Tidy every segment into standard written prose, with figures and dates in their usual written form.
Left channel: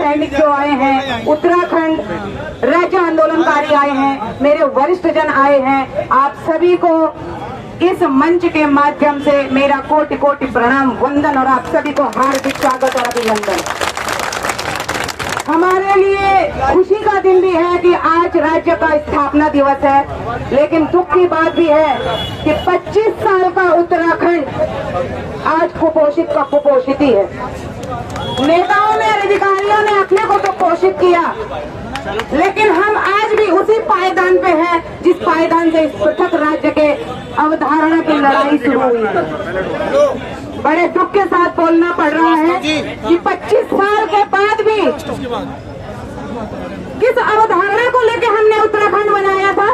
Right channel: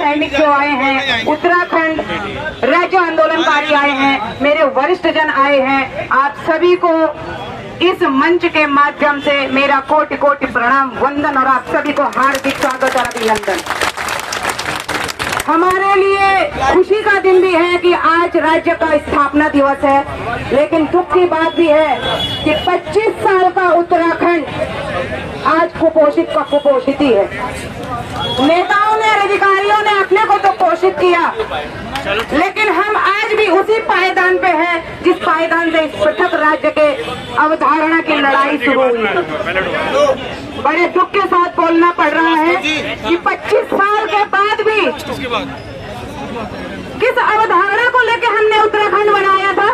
सैनिक जो आए हैं, उत्तराखंड राज्य आंदोलनकारी आए हैं, मेरे वरिष्ठ जन आए हैं, आप सभी को इस मंच के माध्यम से मेरा कोटि कोटि प्रणाम वंदन और आप सभी को हार्दिक स्वागत और अभिनंदन। हमारे लिए खुशी का दिन भी है कि आज राज्य का स्थापना दिवस है, लेकिन दुख की बात भी है कि 25 साल का उत्तराखंड आज कुपोषित का कुपोषित ही है। नेताओं ने, अधिकारियों ने अपने को तो पोषित किया, लेकिन हम आज भी उसी पायदान पे हैं जिस पायदान से इस पृथक राज्य के अवधारणा की लड़ाई शुरू हुई। बड़े दुख के साथ बोलना पड़ रहा है कि 25 साल के बाद भी किस अवधारणा को लेकर हमने उत्तराखंड बनाया था,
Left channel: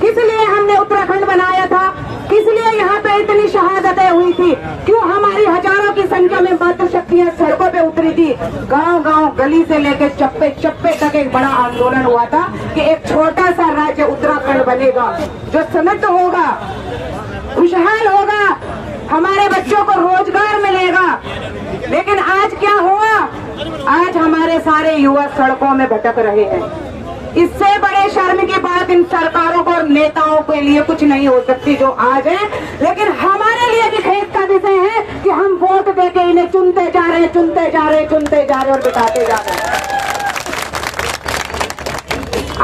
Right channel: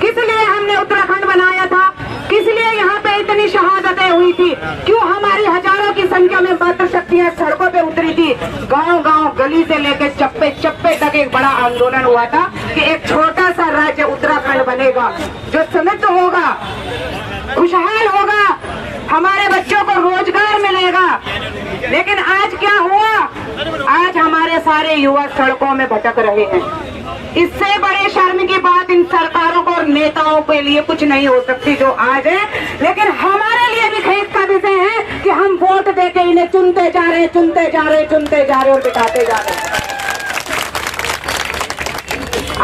किस लिए हमने उत्तराखंड बनाया था, किस लिए यहाँ पे इतनी शहादतें हुई थी, क्यों हमारी हजारों की संख्या में मातृ शक्तियाँ सड़कों पे उतरी थी, गांव-गांव गली से लेकर चप्पे चप्पे तक एक बड़ा आंदोलन हुआ था कि एक छोटा सा राज्य उत्तराखंड बनेगा जो समृद्ध होगा, खुशहाल होगा, हमारे बच्चों को रोजगार मिलेगा। लेकिन आज क्या हुआ, आज हमारे सारे युवा सड़कों में भटक रहे हैं। इससे बड़े शर्म की बात इन सरकारों को और नेताओं के लिए कुछ नहीं हो सकती जो आज है, लेकिन हमारे लिए भी खेद का विषय है कि हम वोट देके इन्हें चुनते जा रहे हैं, चुनते जा रहे हैं, चुनते जा रहे हैं और बिताते जा रहे हैं।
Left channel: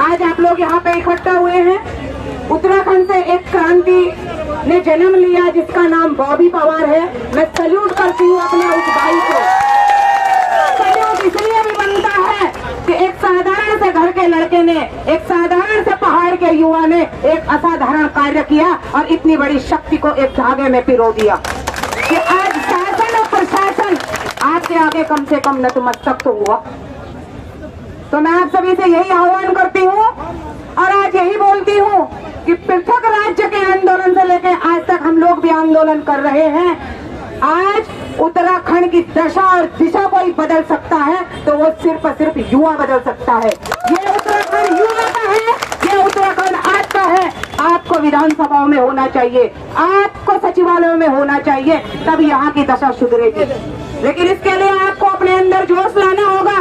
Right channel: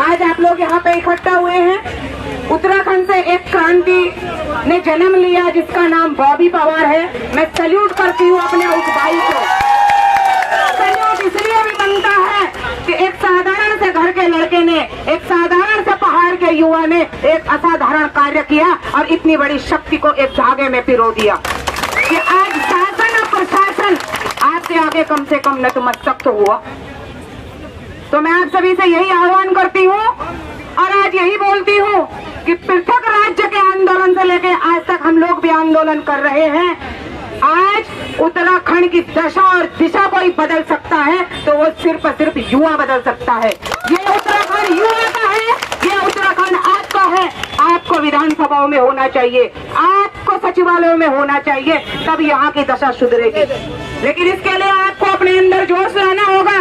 आज आप लोग यहाँ पे इकट्ठा हुए हैं, उत्तराखंड से एक क्रांति ने जन्म लिया जिसका नाम बॉबी पवार है। मैं सैल्यूट करती हूँ अपने उस भाई को। सैल्यूट इसलिए भी बनता है कि एक साधारण से घर के लड़के ने, एक साधारण से पहाड़ के युवा ने एक असाधारण कार्य किया और इतनी बड़ी शक्ति को एक धागे में पिरो दिया कि आज शासन और प्रशासन आपके आगे कम से कम नतमस्तक तो हुआ। तो मैं आप सभी से यही आह्वान करती हूँ और आज यही बोलती हूँ कि पृथक राज्य के आंदोलन से लेकर आज तक हम लोग भी आंदोलन कर रहे हैं। आज उत्तराखंड की दशा और दिशा कोई बदल सकता है तो वो सिर्फ युवा बदल सकता है। ये उत्तराखंड युवा का है, ये उत्तराखंड आपका है। आपको विधानसभाओं में होना चाहिए, आपको सचिवालयों में होना चाहिए, तब यहाँ की दशा सुधरेगी। लेकिन इसके लिए आपको अपने अंदर जोश लाना होगा।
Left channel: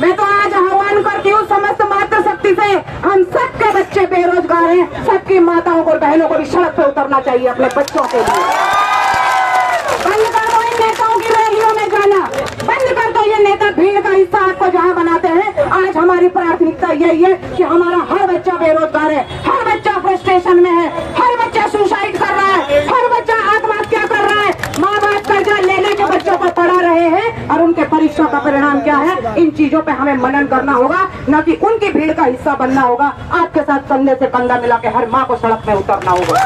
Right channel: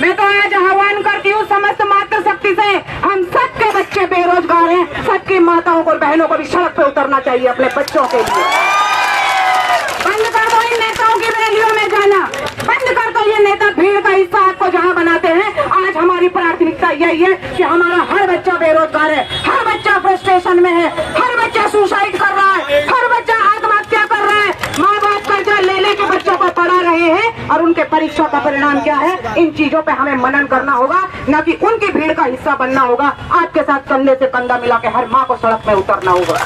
मैं तो आज आह्वान करती हूँ समस्त मातृ शक्ति से, हम सबके बच्चे बेरोजगार हैं, सबकी माताओं को और बहनों को भी सड़क पे उतरना चाहिए अपने बच्चों के लिए। बंद कर दो इन नेताओं की रैलियों में जाना, बंद कर दो ये नेता भीड़ का हिस्सा आपको जहाँ बनाते हैं। आज हमारी प्राथमिकता यही है कि हमारा हर बच्चा बेरोजगार है, हर बच्चा फ्रस्ट्रेशन में है, हर बच्चा सुसाइड कर रहा है, हर बच्चा आत्महत्या कर रहा है। माँ बाप कर्जा ले लेके बच्चों को पढ़ा रहे हैं और उनके परीक्षा का परिणाम क्या है, इन चीजों पे हमें मनन करना होगा, न कि उनकी भीड़ का हिस्सा बनना होगा। आपके साथ कंधे से कंधा मिला के हर माँ को सड़क पे उतरना होगा।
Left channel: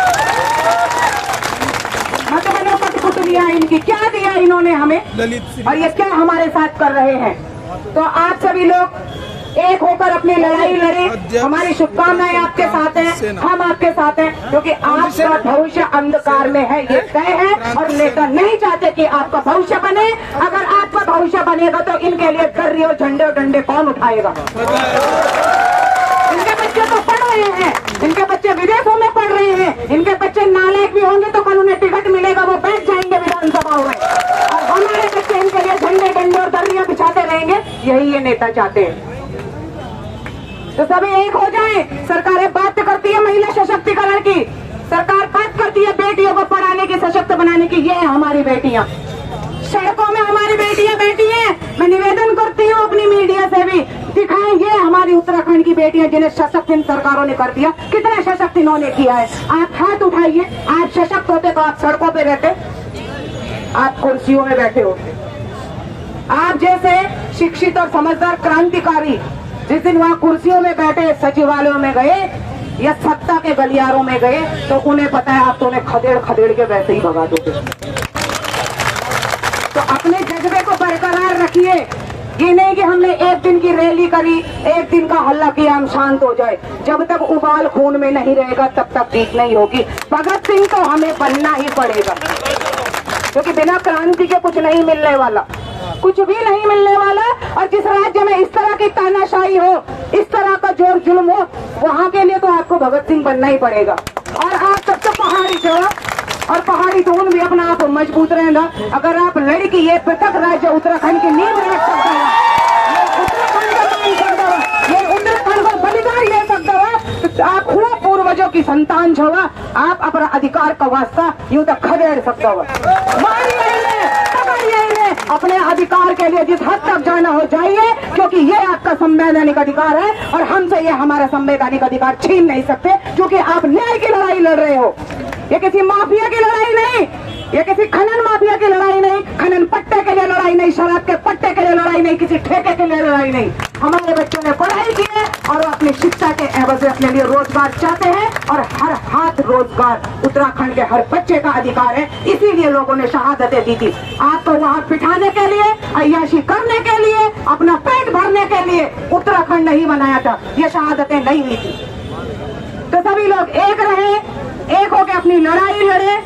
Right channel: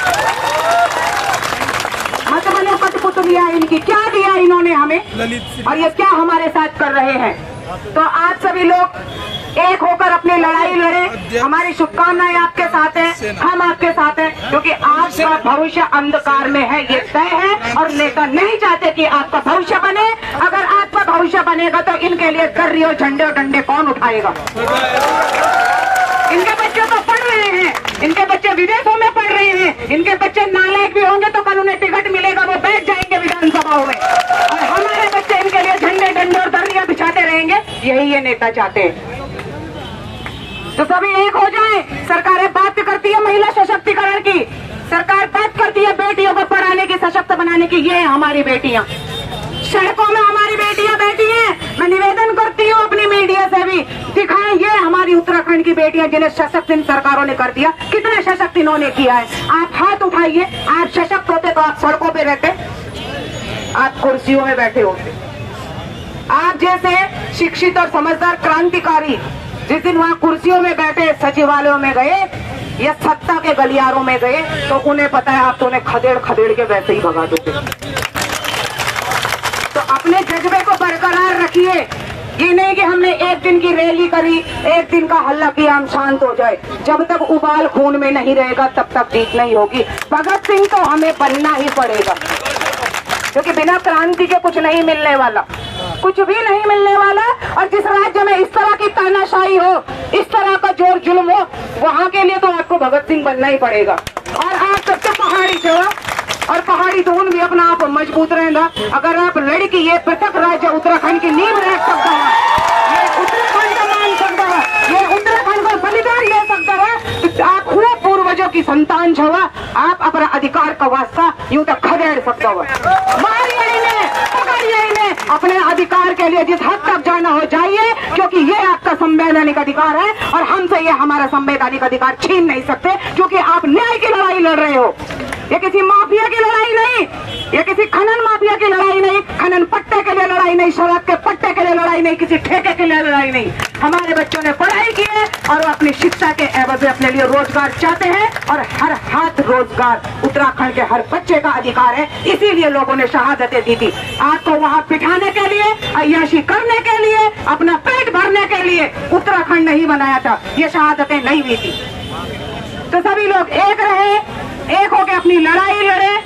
मत बनो कठपुतलियां इनकी, क्या दिया इन्होंने हमें और ये क्या हमारे साथ कर रहे हैं। तो आप सभी लोग एक होकर अपनी लड़ाई लड़े। हमारी शुभकामनाएं आपके साथ हैं, हम आपके साथ हैं, क्योंकि आपका भविष्य अंधकार में है, ये तय है। और नेता नहीं चाहते कि आपका भविष्य बने। अगर आपका भविष्य बनेगा तो इनके लिए गर्री और झंडे और डंडे कौन उठाएगा। इनके बच्चे तो पढ़ रहे हैं, इनके बच्चे विदेशों में पढ़ रहे हैं, इनके बच्चे नालायक भी होंगे तो कल उन्हें टिकट मिलेगा, वो बैठ जाएंगे विधानसभाओं में, और हमारे बच्चे इनके लिए झंडे डंडे और दरिया बिछाते रहेंगे। यही ये नेता चाहते हैं। तो सभी एक हो जाएं। सरकारें बात करती है महिला सशक्तिकरण की, सरकार बात करती है बेटियों को पढ़ाने की, सशक्त बनाने की। ये है हमारी बेटियां, सड़कों में हमारी बेटियां बैठी हैं। मैं निवेदन करती हूँ अपनी मीडिया से भी, दिखाएं ये हमारी उत्तराखंड की बेटियां जिन्हें सशक्त इन सरकारों ने कर दिया। कितना सशक्त इन्होंने किया है। आप हाथ उठाइए, आप सशक्त होते तो आप सड़कों पे रहते, आप कुर्सियों में बैठे होते। आप जैसे शिक्षित और समझदार क्रांतिकारी जिस दिन वहाँ कुर्सियों में बैठे सचिवालयों में गए या सत्ता के गलियारों में गए, तो उन्हें पता है आप तो उन्हें खदेड़ खदेड़ के वैसे ही भगा दोगे। तो अपने जज्बे को बरकरार रखिए। ये नहीं कि हमने एक दिन की रैली करी, एक दिन का हल्ला किया, हम शांत हो जाए। जब तक उबाल खून में नहीं रहेगा तब तक जीत नहीं होगी। भगत सिंह तो हमें बनना ही पड़ेगा, क्योंकि बिना क्रांति के कुछ नहीं मिलने वाला, कुछ भी नहीं मिलने वाला। और जिस राज्य में इस तरह की तानाशाही हो, इस तरह का जोर जुल्म हो, वहाँ के लिए तो आपको भगत सिंह बनना ही पड़ेगा। और आप सबसे पहाड़ी से हो और पहाड़ी तो भी अपना आप मजबूत रहना। अगर आप लड़की ये पृथक राज्य उत्तराखंड की नींव रख सकता है, ये उत्तराखंड का मान सकता है, ये उत्तराखंड का बलिदान ले सकता है, तो आप पूरा पूर्वजों की संतान छवा, आप अपना अधिकार का वास्ता यूं तक खदेड़ सकता हुआ। मारिए इन्हें, पकड़िए इन्हें, अपने अधिकार के लिए जिस हद तक जाना हो जाइए, क्योंकि ये आपका संवैधानिक अधिकार है और हमसे ये हमारा संवैधानिक अधिकार छीन नहीं सकते, क्योंकि आप न्याय की लड़ाई लड़ रहे हो। ये किसी माफिया की लड़ाई नहीं, ये किसी खनन माफिया की लड़ाई नहीं, खनन पट्टे के लिए लड़ाई नहीं, शराब के पट्टे के लिए लड़ाई नहीं, किसी ठेके के लिए लड़ाई नहीं। हमारे बच्चों ने पढ़ाई की है और वो अपनी शिक्षा के एवज में अपने लिए रोजगार चाहते हैं और हर हाथ रोजगार उत्तराखंड के हर बच्चे का अधिकार है। इसीलिए लोगों ने शहादतें दी थी। आपको वहाँ बिठाने के लिए, अय्याशी करने के लिए, अपना पेट भरने के लिए उत्तराखंड नहीं बनाया था, ये शहादतें नहीं हुई थी। तो सभी लोग एक रहे, एक होकर अपनी लड़ाई लड़े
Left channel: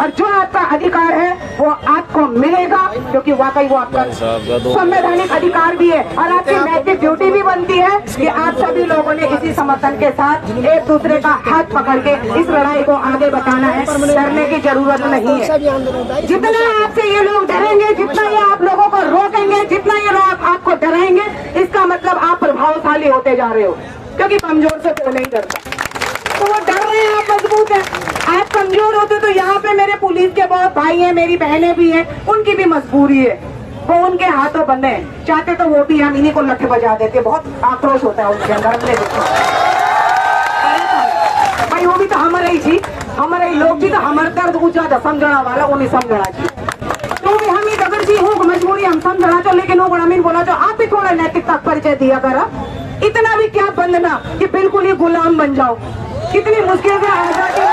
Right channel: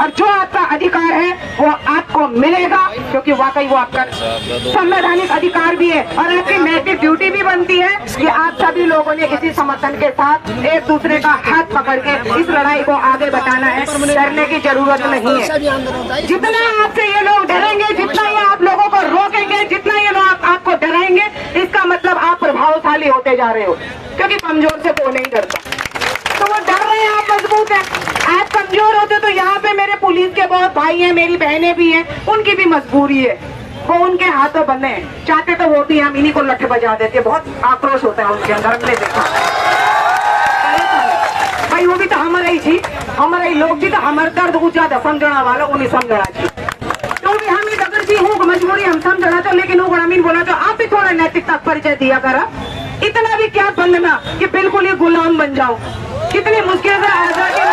और जो आपका अधिकार है वो आपको मिलेगा, क्योंकि वाकई वो आपका संवैधानिक अधिकार भी है और आपकी नैतिक ड्यूटी भी बनती है कि आप सभी लोगों ने इसी समर्थन के साथ एक दूसरे का हाथ पकड़ के इस लड़ाई को आगे बताना है। डरने की जरूरत नहीं है। जितना आपसे ये लोग डरेंगे, जितना ये आप लोगों को रोकेंगे, जितना ये लोग आपको डराएंगे, इसका मतलब आप प्रभावशाली होते जा रहे हो, क्योंकि कमजोर से कोई नहीं डरता। तो वो डर रहे हैं, आप मजबूत हैं। आप कमजोर होते तो यहाँ पे मेरे पुलिस के बहुत भाई हैं, मेरी बहनें भी हैं, उनकी भी मजबूरी है, वो उनके हाथों बंधे हैं। चाहते तो वो भी हम इन्हीं को लठ बजा देते, बहुत आक्रोश होता है उनके अंदर। हमने देखा भाई, वो भी तो हमारा ही थी, हमारे ही लोग भी तो हमारे दर्द को ज्यादा समझना वाला वो नहीं समझना चाहिए। तो भी हम ही डगर जी हूँ, मजबूरी हम समझना तो, लेकिन वो अमीन बोला तो आप भी थोड़ा नैतिकता परिचय दिया करा। इतना भी क्या बंधना कि बिल्कुल ही गुलाम बन जाओ, कितनी मुश्किल से आजादी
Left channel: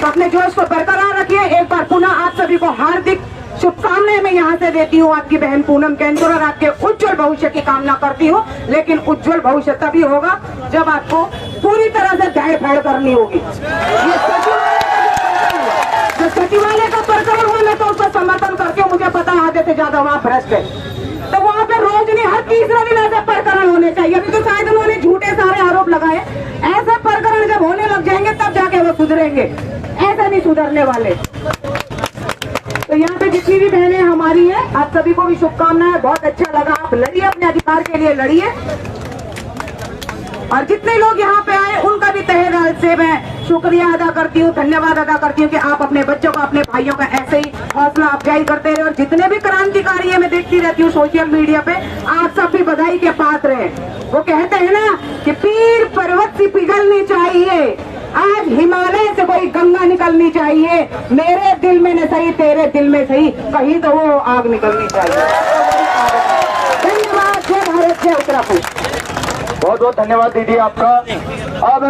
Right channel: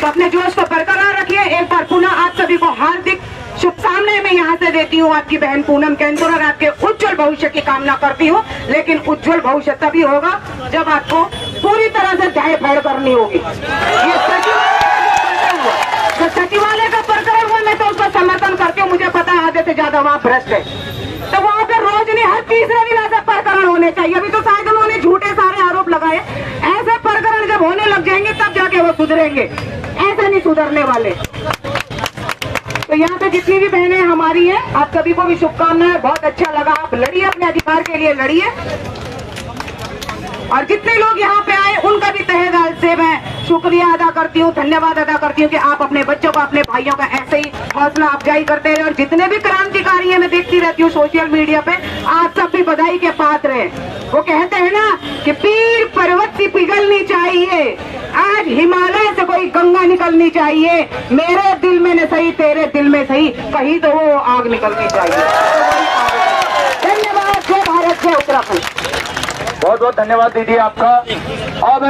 तो अपने जोश को बरकरार रखिए। एक बार पुनः आप सभी को हार्दिक शुभकामनाएं मैं यहाँ से देती हूँ। आपकी बहन पूनम कैंतुर और आपके उज्जवल भविष्य की कामना करती हूँ, लेकिन उज्जवल भविष्य तभी होगा जब आपको पूरी तरह से दाएं फाड़ करनी होगी। ये सचिवालय का प्रकरण हुआ, मैं तो उसका समर्थन करके, मुझे पता है आधे से ज्यादा वहाँ भ्रष्ट है, तो वहाँ पे रोज नहीं हर तीसरे दिन ऐसा प्रकरण होने चाहिए। अभी तो शायद उन्होंने झूठे सारे आरोप लगाए, ऐसे प्रकरण जब होने लग जाएंगे तब जाके वो सुधरेंगे, ऐसा नहीं सुधरने वाले। तो यहाँ पे जितनी भी बहनें हमारी हैं, आप सभी को भी शुभकामनाएं। बहुत अच्छा लगा, आप लड़िए, अपने अधिकार के लिए लड़िए। और जितने लोग यहाँ पे आए उनका भी तहे दिल से मैं शुक्रिया अदा करती हूँ, धन्यवाद अदा करती हूँ कि आप अपने बच्चों को, अपने भाइयों का ऐसे ही हौसला अफजाई करते रहे। और जितने भी क्रांतिकारी है, मैं देखती रहती हूँ सोशल मीडिया पे, आप सब भी बधाई के पात्र हैं। वो कहते हैं ना कि पीर पर्वत से पिघलनी चाहिए, आज हिमालय से कोई गंगा निकलनी चाहिए, मेरे दिल में न सही तेरे दिल में सही, कहीं तो वो आग निकलनी चाहिए। धन्यवाद। जय भारत, जय उत्तराखंड। बहुत बहुत धन्यवाद दीदी आपका। अब